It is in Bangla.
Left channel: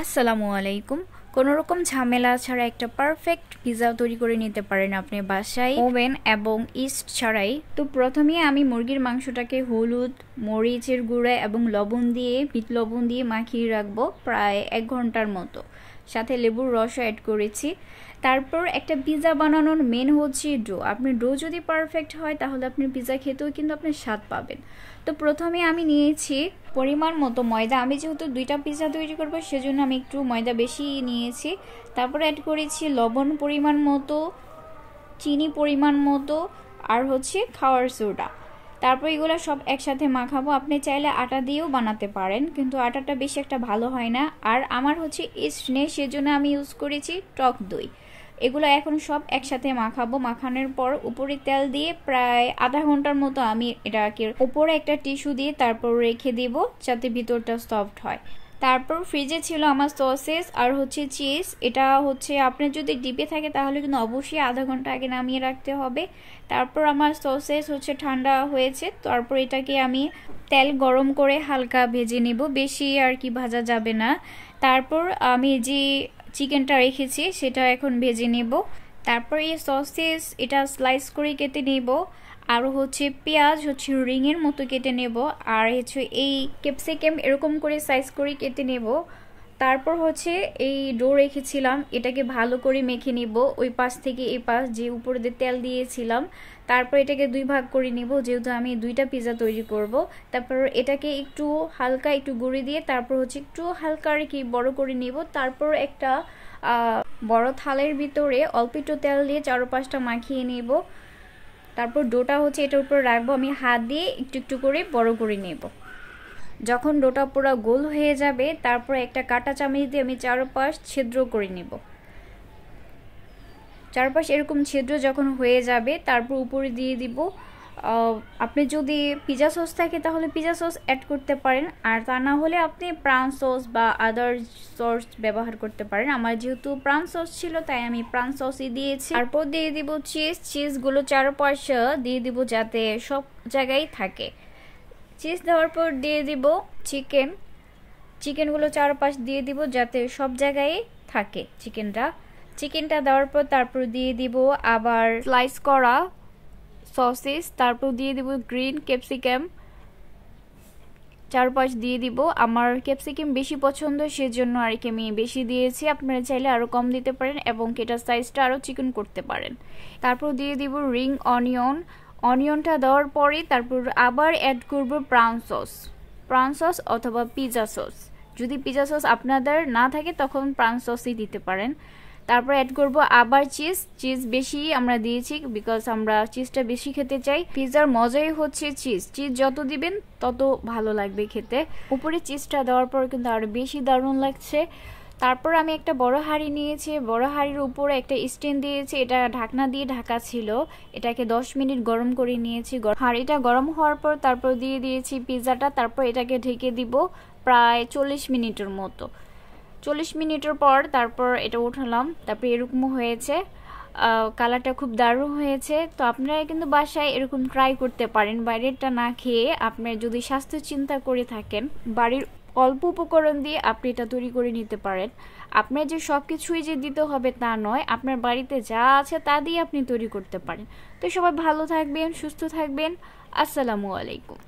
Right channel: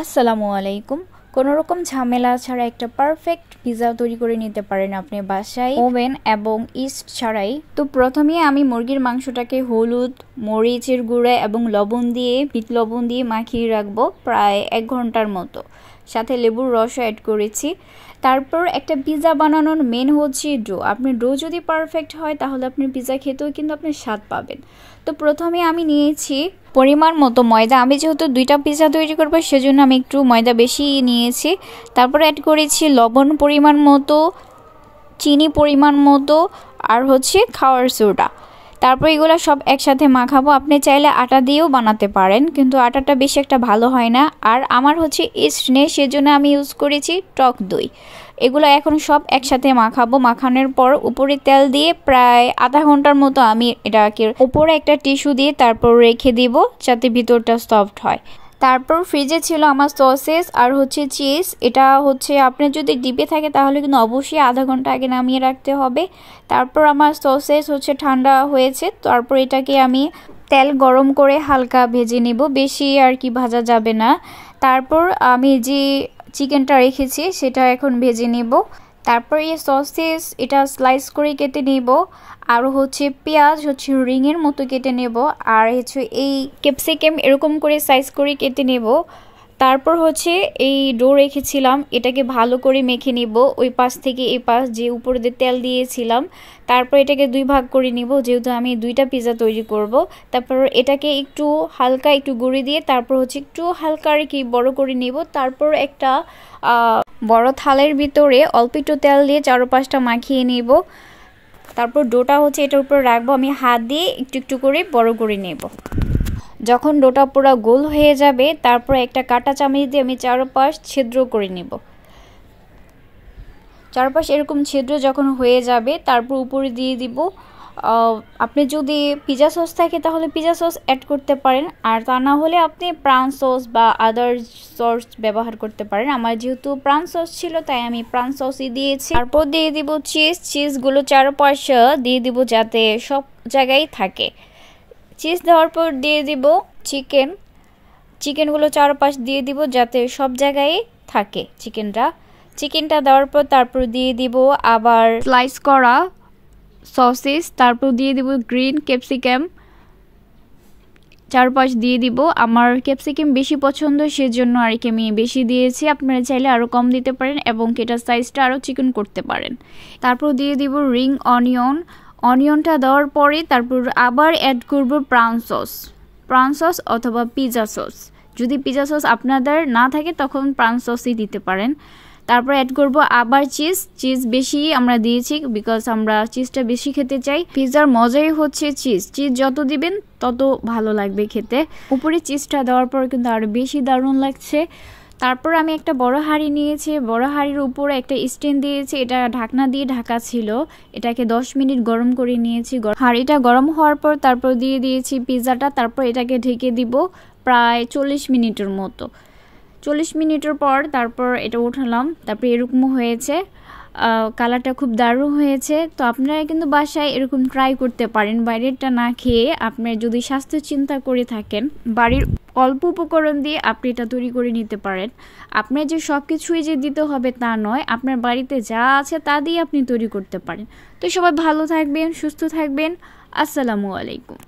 আসসালামু আলাইকুম। কোনো রকম ঝামেলা ছাড়া একটা পারফেক্ট পিৎজা তৈরি করে নিতে পারেন আপনি বাসায়, ওভেন এবং ইস্ট ছাড়াই। তো প্রথমে আমি মুরগির মাংসটাকে হলুদ, মরিচের গুঁড়া এবং বিট লবণ দিয়ে মাখিয়ে রাখবো প্রায় 1 ঘন্টার মতো। সাথে লেবুর রসও অ্যাড করেছি। তারপর একটা পিৎজা বানানোর মেন হচ্ছে ডো। আপনার ডো যদি পারফেক্ট হয় তাহলে আপনি পিৎজা খেতেও কিন্তু আপনি স্বাদ পাবেন। তো প্রথমে আমি নিয়েছি পরিমাণ মতো ময়দা। আমি যেহেতু 2টা পিৎজা তৈরি করবো সেজন্য আমি একটু ময়দা বেশি নিয়েছি। তারপর অ্যাড করেছি লবণ পরিমাণ মতো, চিনি পরিমাণ মতো, আর হচ্ছে খাওয়ার সোডা। তারপর এগুলো সব একসাথে মাখাবো। আপনি চাইলে আটা দিয়েও বানাতে পারেন, কিন্তু আটাটা বেশি একটা ভালো হয় না। আর আমার হচ্ছে ইস্ট নেই, সেজন্য আমি ইউজ করেছি টক দই। এগুলো এখন সব একসাথে মাখাবো। মাখানোর পর উপরে তেল দিয়ে প্রায় আধা ঘন্টার মতো আমি এটাকে উপরে একটা টিস্যু দিয়ে তারপর রেখে দিব যাতে ভিতরটা সফট হয়। তারপর ফ্রিজে ছিল আমার সসেস আর হচ্ছে চিজ। এটা হচ্ছে আপনার যদি ডিপে থাকে তাহলে কিন্তু অবশ্যই আধা ঘন্টা আগে নামিয়ে রাখতে হবে। তারপর আমার সসেস হচ্ছে ঠান্ডা হয়েছে। তারপর এটাকে আমি তেল গরম করে হালকা ভেজে নেব, বেশি আর কি ভাজা যাবে না। তারপর আমি যে চিকেনটা রেখেছি সেটা এখন ভেজে নেব। তারপর এই সসেস এটা স্লাইস করে কেটে নেব। আর হচ্ছে পেঁয়াজ হচ্ছে রিংয়ের মতো কেটে নেব। আর হচ্ছে এই ক্যাপসিকাম এরকম করে সাইজ করে কেটে নেব। তারপর হচ্ছে এই ডো রেখেছিলাম, এটাকে ভালো করে মেখে নিব ওই পাশ থেকে এই পাশ, যে উপরে দিয়ে তেল দিয়েছিলাম। তারপর এটাকে 2 ভাগ করে নিব, যেহেতু আমি 2টা পিৎজা তৈরি করব। তারপর এটাকে একটু হালকা একটু গুঁড়ি দিয়ে তারপর হচ্ছে একটু হালকা আর কি বড় করে নিব। তারপর একটা বড় থালের ভিতরে অল্প একটু তেল দিয়ে চারপাশটা মাখিয়ে নিব। তারপর ডোটা হচ্ছে এটার উপর রাখবো। আমি হাত দিয়ে একটু একটু করে বড় করে নেব। যখন ডোটা পুরো গোল হয়ে যাবে তারপর একটা কাঁটা চামচ দিয়ে আমি চারপাশ ছিদ্র করে নেব। চারপাশ এরকম ছিদ্র যখন হয়ে যাবে তারপর উপরে দিয়ে দিব, আপনি যদি পিৎজা সস থাকে তাহলে পিৎজা সস অ্যাড করতে পারেন, আর তা না হলে আপনি প্রাউন সস বা আদার সস ব্যবহার করতে পারেন। আমার যেহেতু প্রাউন সস ছিল তাই আমি প্রাউন সসই দিয়েছি। তারপর দিয়ে দিব চিজগুলো চারপাশে দিয়ে দিব যাতে সব জায়গায় থাকে। চিজ দেওয়ার পর দিয়ে দিব চিকেনগুলো চারপাশ দিয়ে দিব যাতে সব জায়গায় থাকে চিকেনটা দেওয়ার পর তারপর দিয়ে দিব আবার স্লাইস করা সসেস। তারপর দিয়ে দিব গ্রিন ক্যাপসিকাম, চারপাশ দিয়ে দিব। আমার ক্যাপসিকাম বেশি পছন্দ সেজন্য আর কি আমি বেশি দিয়েছি। আপনারা চাইলে আরও কম দিতে পারেন এবং এটার সাইজটা আরও চিকেন করতে পারেন। তারপর দিয়ে দিব রিং অনিয়নটা দেওয়ার পরে তারপর আবার অ্যাড করব প্রাউন সস অথবা পিৎজা সস। যদি পিৎজা সস আপনাদের না থাকে তখন প্রাউন সসই দিতে পারেন। তারপর অ্যাড করব আবার চিজ বেশি আমরা দিয়েছি বিকজ আমরা চিজটা বেশি খেতে চাই। পিৎজার মজাই হচ্ছে চিজ যত দিবেন তত ভালো লাগবে খেতে। উপরে চিজটা দেওয়ার পর কিন্তু আরও বেশি দারুণ লাগছে। তারপর আমি একটা বড় হাঁড়ি নিয়েছি, বড় হাঁড়ির উপরে একটা স্ট্যান্ড দিয়েছি, এটা ঢাকনা দিয়ে ঢাকা ছিল। এটাকে 10 মিনিট গরম করে নিয়েছি। হাঁড়িটা গরম হওয়ার পর তারপর দিয়ে দিয়েছি পিৎজাটা। তারপর এটাকে ঢেকে দিব প্রায় 40 মিনিটের মতো। 40 মিনিটের পর তারপর এটা উঠালাম। তারপর এরকম হয়েছে, কালারটা খুব দারুণ হয়েছে। তো আপনারা কিন্তু বাসায় এরকম ট্রাই করতে পারেন বাইরেরটা না খেয়ে। আপনার যদি স্বাস্থ্য চিন্তা করে থাকেন বাড়ির অল্প উপকরণ দিয়ে আপনি এটা তৈরি করে নিতে পারেন। আপনার যে সব কিছুই যে দিতে হবে তা নয়, আপনার বাড়িতে যা আছে তা দিয়ে আপনি তৈরি করতে পারেন। তো সবাই ভালো থাকবেন, সুস্থ থাকবেন। আসসালামু আলাইকুম।